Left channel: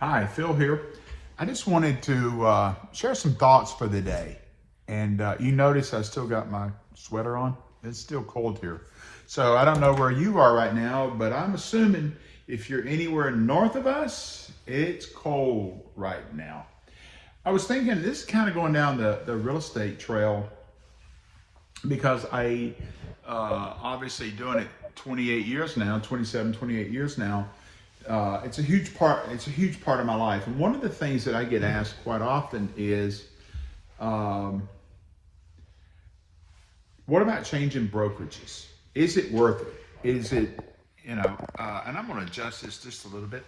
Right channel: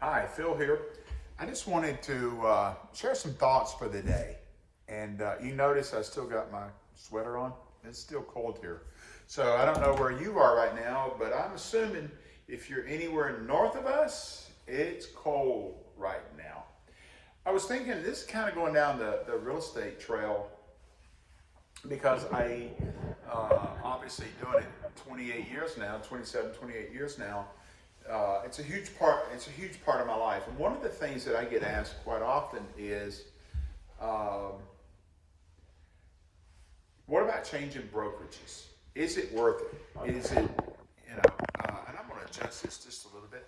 Hi, Phil here. I just wanted to share some thoughts for the day. And you notice I still got my sweater on. It's still cold here. So I don't know where you are right now, but I'm assuming if you're anywhere north of us, it's cold right now. I was thinking this is kind of going down the real estate trail because I obviously doing it 28 years now, 27, 28 years now. It's a huge part. It's a huge part of my life. And one of the things that I get asked quite often is, what about changing brokerages? Is it worth it? Is it, and I'm going to adjust this just a little bit.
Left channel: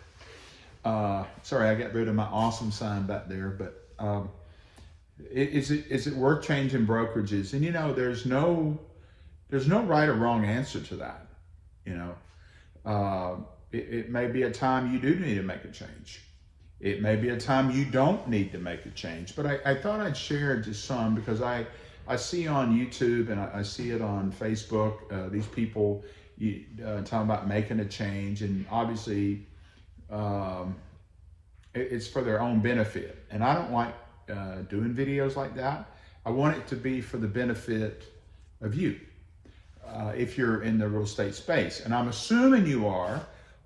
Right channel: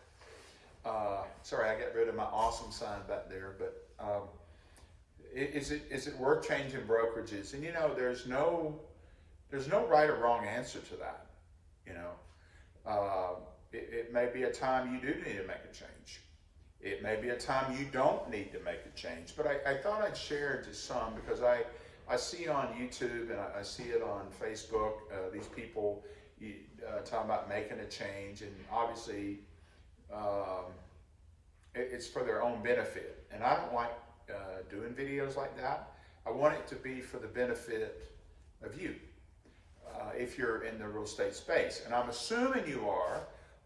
Sorry, I got rid of my awesome sign back there, but is it worth changing brokerages? And there's no right or wrong answer to that. It may be a time you do need to make a change. It may be a time you don't need to make a change. But I thought I'd share just some because I see on YouTube and I see it on Facebook, these people talking about making a change, and obviously it's for their own benefit. And I don't like doing videos like that. I want it to be for the benefit of you if you're in the real estate space. And I'm assuming you are,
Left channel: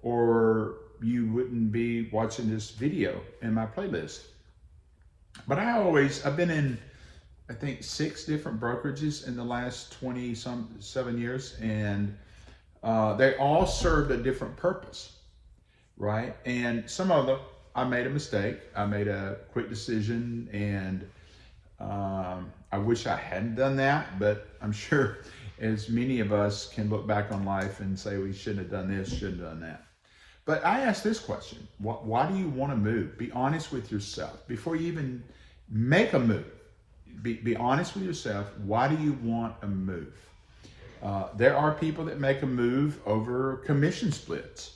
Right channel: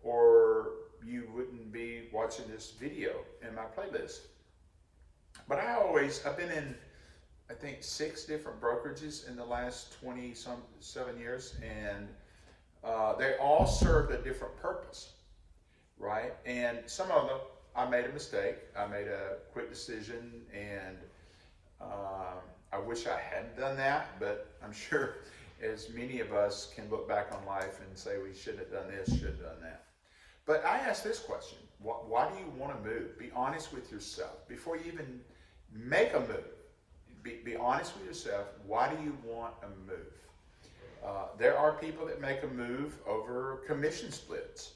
or you wouldn't be watching this video in my playlist. But I've been in, I think, 6 different brokerages in the last 7 years, and they all served a different purpose, right? And some of them, I made a mistake. I made a quick decision, and I wish I hadn't done that, but I'm sure as many of us can look back on life and say we shouldn't have done this, shouldn't have done that. But I ask this question: why do you want to move? Be honest with yourself before you even make a move. Be honest with yourself. Why do you want a move? There are people that make a move over commission splits.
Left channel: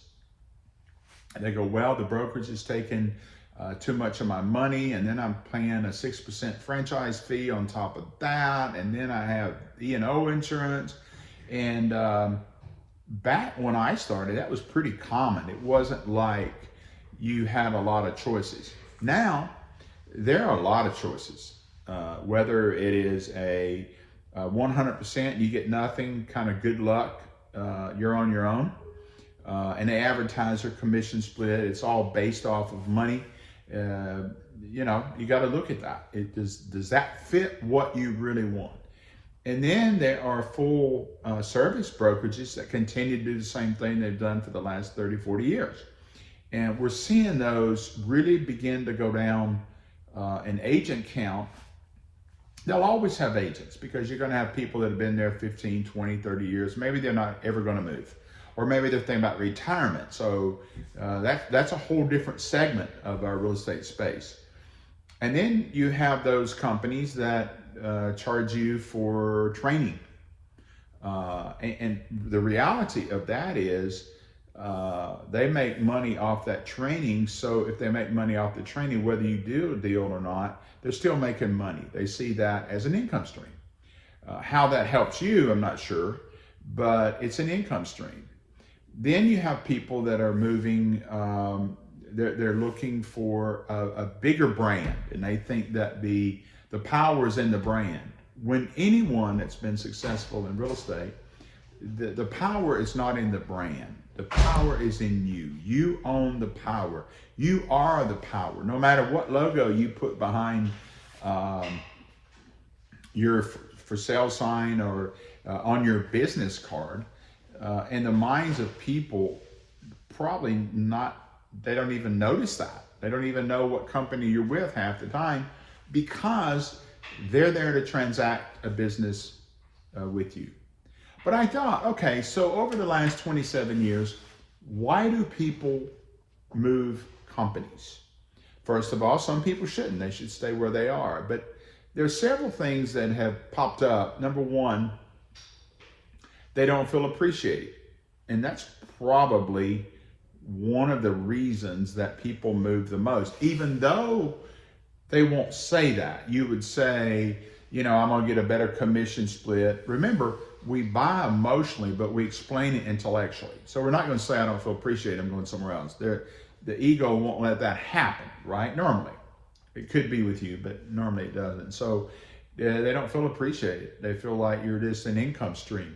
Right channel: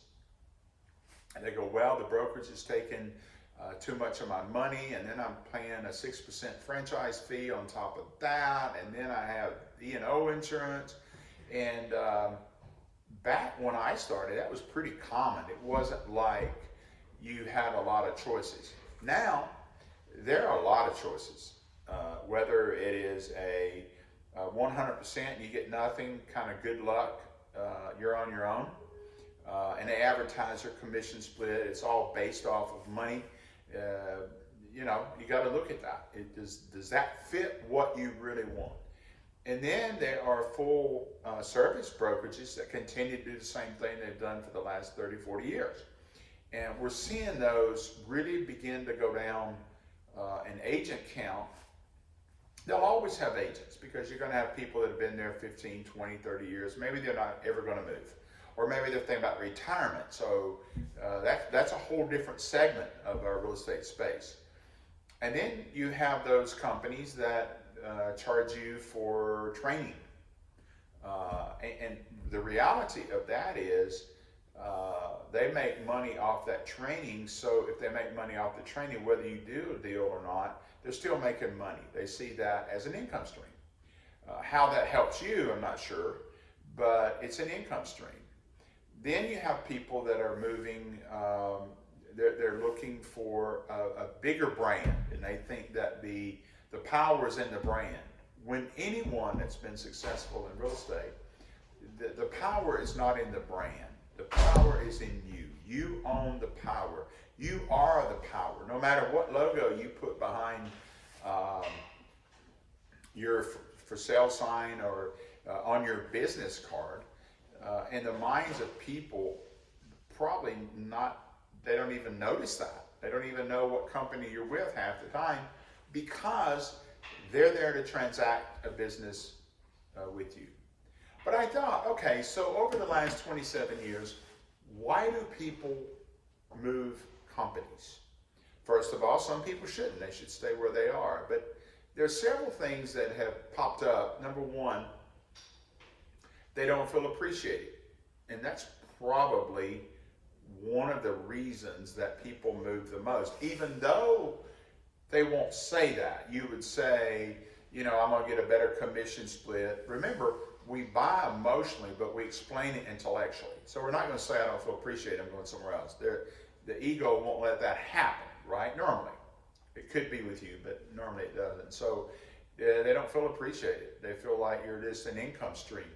And they go, well, the brokerage is taking too much of my money, and then I'm paying a 6% franchise fee on top of that, and then I have E&O insurance. And back when I started, that was pretty common. It wasn't like you had a lot of choices. Now, there are a lot of choices. Whether it is a 100%, you get nothing, kind of good luck, you're on your own. And they advertise their commission split. It's all based off of money. You got to look at that. Does that fit what you really want? And then there are full service brokerages that continue to do the same thing they've done for the last 30, 40 years. And we're seeing those really begin to go down in agent count. They'll always have agents because you're going to have people that have been there 15, 20, 30 years. Maybe they're not ever going to move. Or maybe they're thinking about retirement. So that's a whole different segment of our real estate space. And then you have those companies that charge you for training. And the reality of that is they make money off that training. So if they make money off the training, whether you do a deal or not, they're still making money. They see that as an income stream. How that helps you, I'm not sure, but it's an income stream. Then you have people that are moving, they're looking for a bigger brand, and they think that the power is in the brand. When anyone that's been successful in real estate, the power is not in the brand. The power is in you. You own the power. You are the power. No matter what logo you put behind your for sale sign or on your business card, in the minds of people, probably not, they don't even notice that. They don't even know what company you're with half the time because they're there to transact a business with you. But I thought, okay, so over the last 27 years, why do people move companies? First of all, some people shouldn't. They should stay where they are. But there are several things that have popped up. Number one, they don't feel appreciated. And that's probably one of the reasons that people move the most. Even though they won't say that. You would say, I'm going to get a better commission split. Remember, we buy emotionally, but we explain it intellectually. So we're not going to say, I don't feel appreciated, I'm going somewhere else. the ego won't let that happen, right? Normally. It could be with you, but normally it doesn't. So they don't feel appreciated. They feel like you're just an income stream.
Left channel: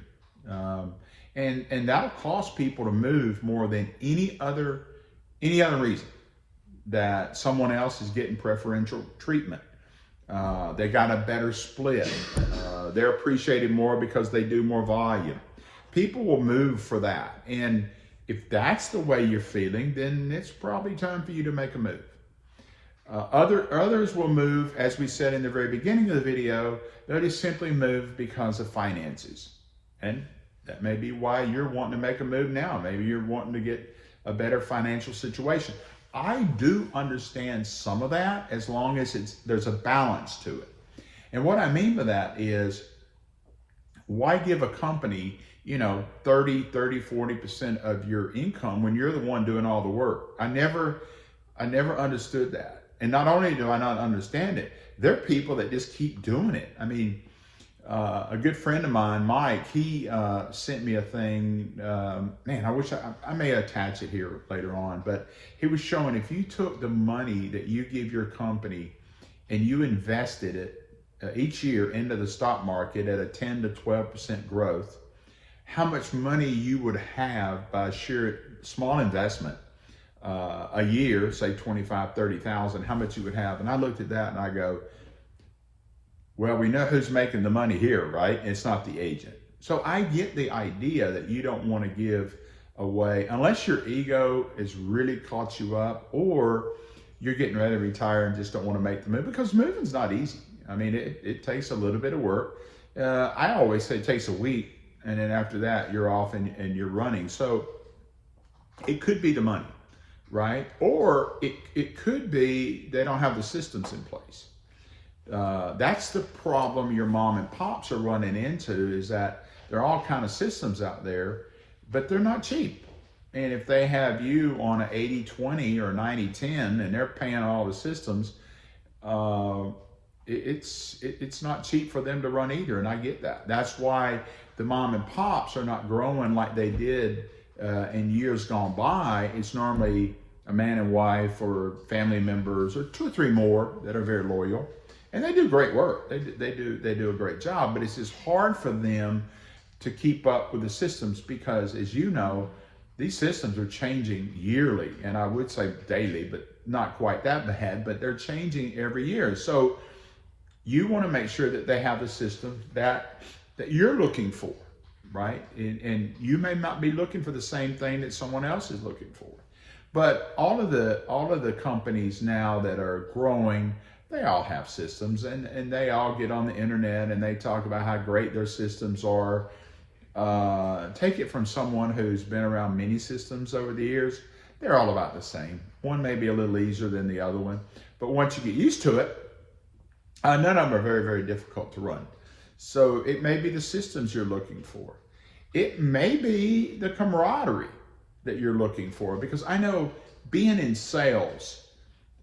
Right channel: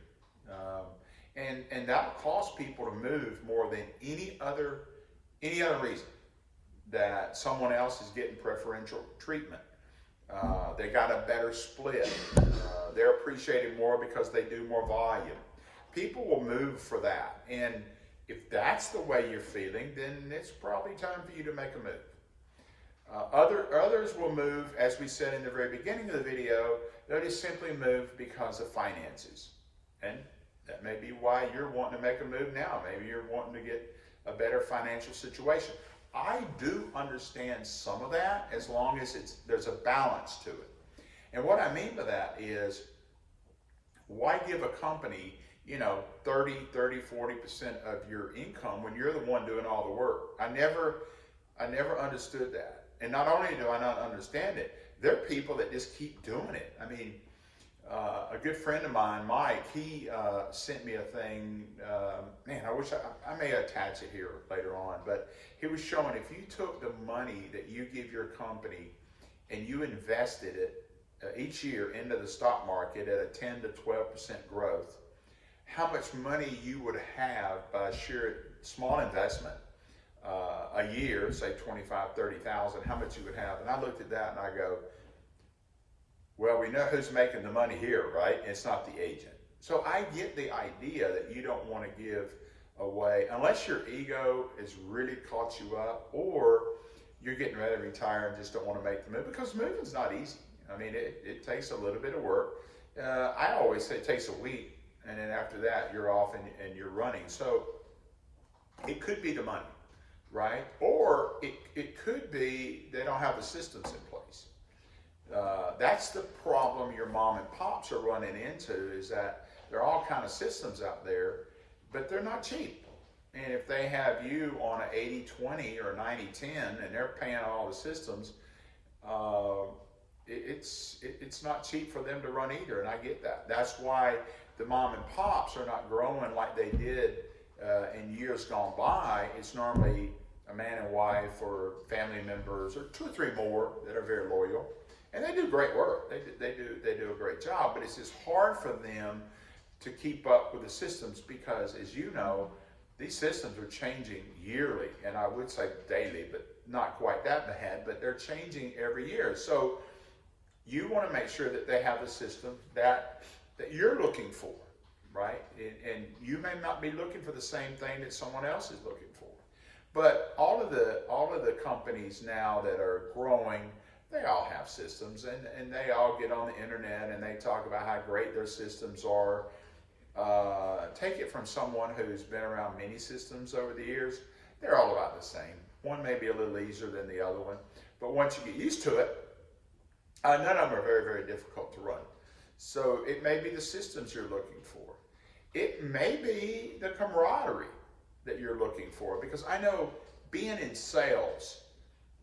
And that'll cause people to move more than any other reason, that someone else is getting preferential treatment. They got a better split. They're appreciated more because they do more volume. People will move for that. And if that's the way you're feeling, then it's probably time for you to make a move. Others will move, as we said in the very beginning of the video, they'll just simply move because of finances. And that may be why you're wanting to make a move now. Maybe you're wanting to get a better financial situation. I do understand some of that, as long as there's a balance to it. And what I mean by that is, why give a company, 30, 40% of your income when you're the one doing all the work? I never understood that. And not only do I not understand it, there are people that just keep doing it. I mean, a good friend of mine, Mike, he sent me a thing. Man, I wish I may attach it here later on, but he was showing, if you took the money that you give your company and you invested it each year into the stock market at a 10 to 12% growth, how much money you would have by sheer small investment a year, say 25, 30,000, how much you would have. And I looked at that and I go, well, we know who's making the money here, right? It's not the agent. So I get the idea that you don't want to give away, unless your ego has really caught you up, or you're getting ready to retire and just don't want to make the move, because moving's not easy. I mean, it takes a little bit of work. I always say it takes a week, and then after that, you're off and you're running. So it could be the money, right? Or it could be they don't have the systems in place. That's the problem your mom and pops are running into, is that there are all kind of systems out there, but they're not cheap. And if they have you on an 80-20 or 90-10 and they're paying all the systems, it's not cheap for them to run either. And I get that. That's why the mom and pops are not growing like they did in years gone by. It's normally a man and wife or family members or 2 or 3 more that are very loyal. And they do great work. They do a great job, but it's just hard for them to keep up with the systems, because, as you know, these systems are changing yearly, and I would say daily, but not quite that bad, but they're changing every year. So you want to make sure that they have the system that you're looking for, right? And you may not be looking for the same thing that someone else is looking for. But all of the companies now that are growing, they all have systems, and they all get on the internet and they talk about how great their systems are. Take it from someone who's been around many systems over the years, they're all about the same. One may be a little easier than the other one, but once you get used to it, none of them are very, very difficult to run. So it may be the systems you're looking for. It may be the camaraderie that you're looking for, because I know, being in sales,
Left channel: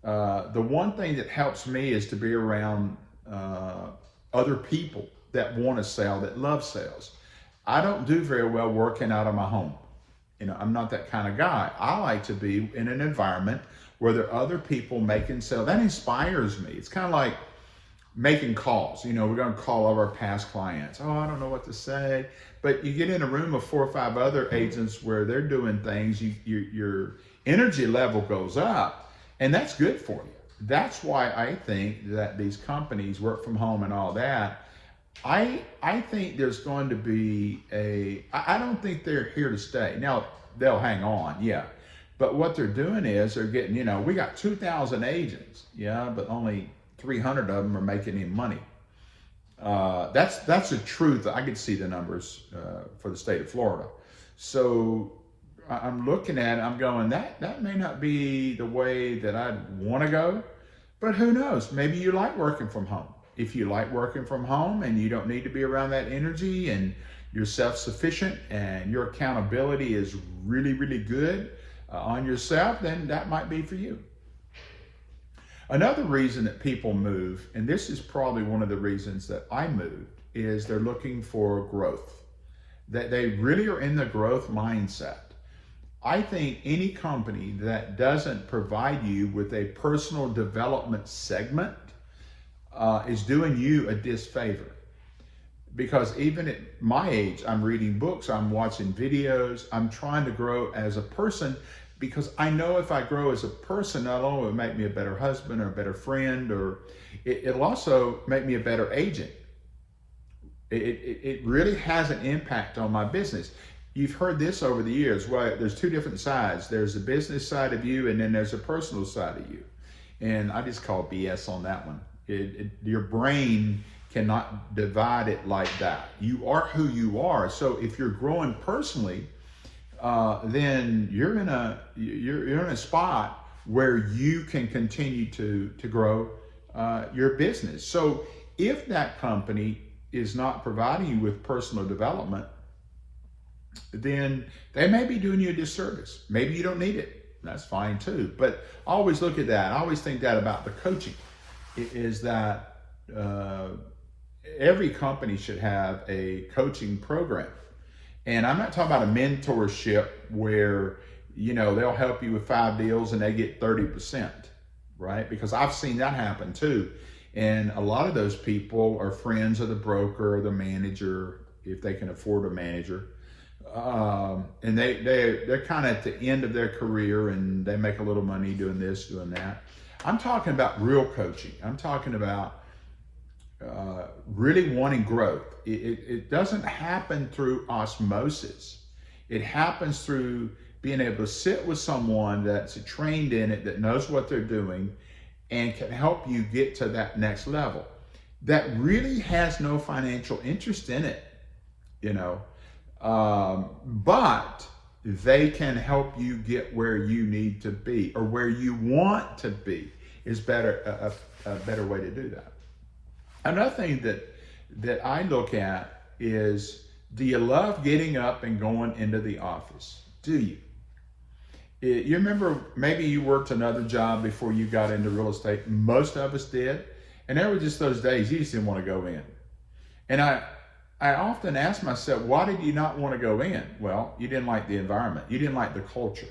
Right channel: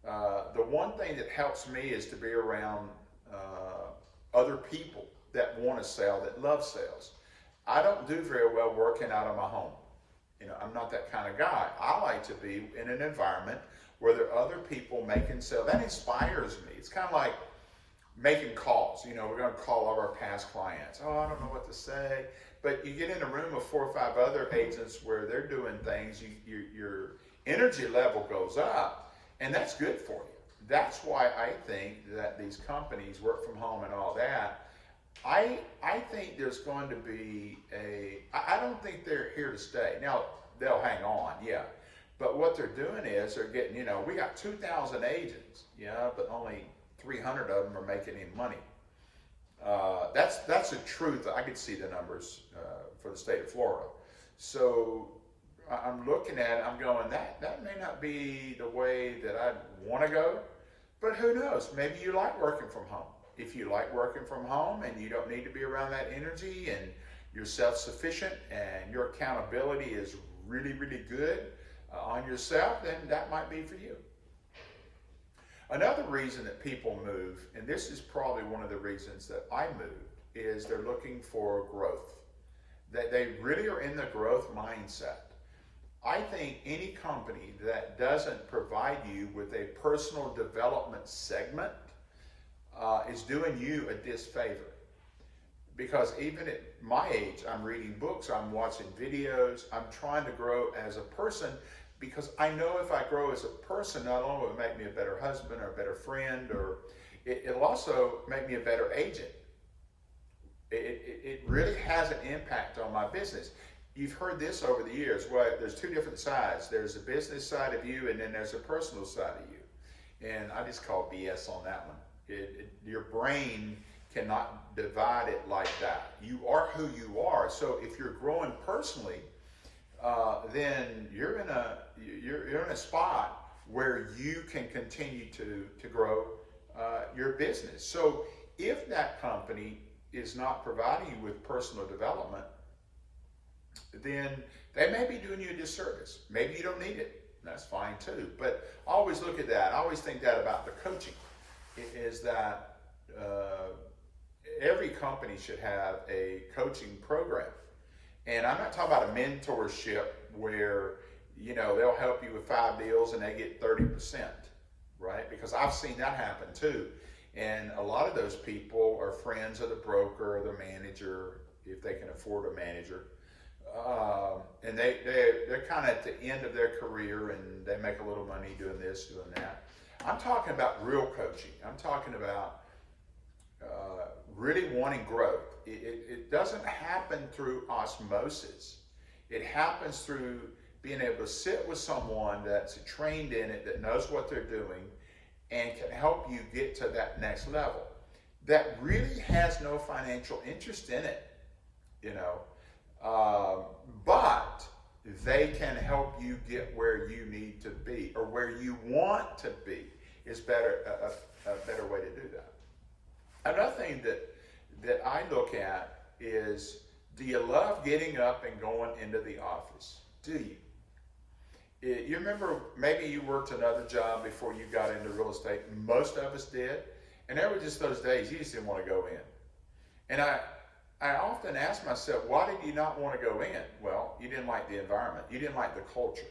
the one thing that helps me is to be around other people that want to sell, that love sales. I don't do very well working out of my home. I'm not that kind of guy. I like to be in an environment where there are other people making sales. That inspires me. It's kind of like making calls. We're going to call all our past clients. Oh, I don't know what to say. But you get in a room of 4 or 5 other agents where they're doing things, your energy level goes up, and that's good for you. That's why I think that these companies, work from home and all that, I think there's going to be I don't think they're here to stay. Now, they'll hang on, yeah. But what they're doing is they're getting, we got 2,000 agents, yeah, but only 300 of them are making any money. That's the truth. I could see the numbers for the state of Florida. So I'm looking at it, I'm going, that may not be the way that I'd want to go, but who knows? Maybe you like working from home. If you like working from home and you don't need to be around that energy, and you're self-sufficient and your accountability is really, really good on yourself, then that might be for you. Another reason that people move, and this is probably one of the reasons that I moved, is they're looking for growth. That they really are in the growth mindset. I think any company that doesn't provide you with a personal development segment is doing you a disfavor. Because even at my age, I'm reading books, I'm watching videos, I'm trying to grow as a person, because I know if I grow as a person, not only will it make me a better husband or a better friend, or it'll also make me a better agent. It really has an impact on my business. You've heard this over the years. Well, there's two different sides. There's the business side of you, and then there's a personal side of you. And I just call BS on that one. Your brain cannot divide it like that. You are who you are. So if you're growing personally, then you're in a spot where you can continue to grow your business. So if that company is not providing you with personal development, then they may be doing you a disservice. Maybe you don't need it. That's fine too. But always look at that. I always think that about the coaching, is that every company should have a coaching program. And I'm not talking about a mentorship where, they'll help you with 5 deals and they get 30%, right? Because I've seen that happen too. And a lot of those people are friends of the broker or the manager, if they can afford a manager. And they're kind of at the end of their career and they make a little money doing this, doing that. I'm talking about real coaching. I'm talking about really wanting growth. It doesn't happen through osmosis. It happens through being able to sit with someone that's trained in it, that knows what they're doing, and can help you get to that next level. That really has no financial interest in it, but they can help you get where you need to be, or where you want to be is better, a better way to do that. Another thing that I look at is, do you love getting up and going into the office? Do you? You remember, maybe you worked another job before you got into real estate. Most of us did. And there were just those days you just didn't want to go in. And I often ask myself, why did you not want to go in? Well, you didn't like the environment. You didn't like the culture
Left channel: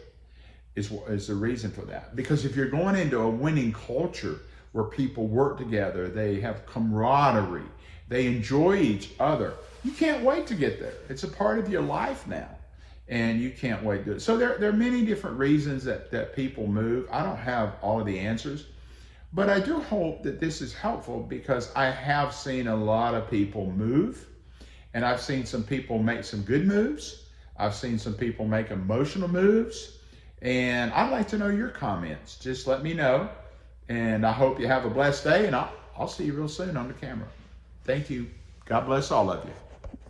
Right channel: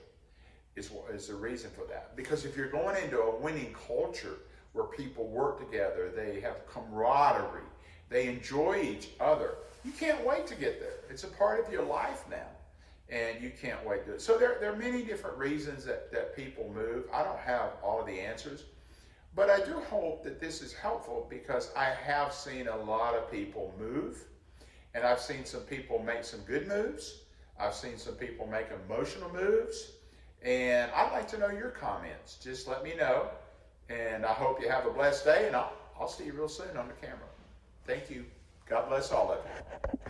is the reason for that. Because if you're going into a winning culture where people work together, they have camaraderie, they enjoy each other, you can't wait to get there. It's a part of your life now. And you can't wait to do it. So there are many different reasons that people move. I don't have all of the answers, but I do hope that this is helpful, because I have seen a lot of people move, and I've seen some people make some good moves. I've seen some people make emotional moves, and I'd like to know your comments. Just let me know, and I hope you have a blessed day, and I'll see you real soon on the camera. Thank you. God bless all of you.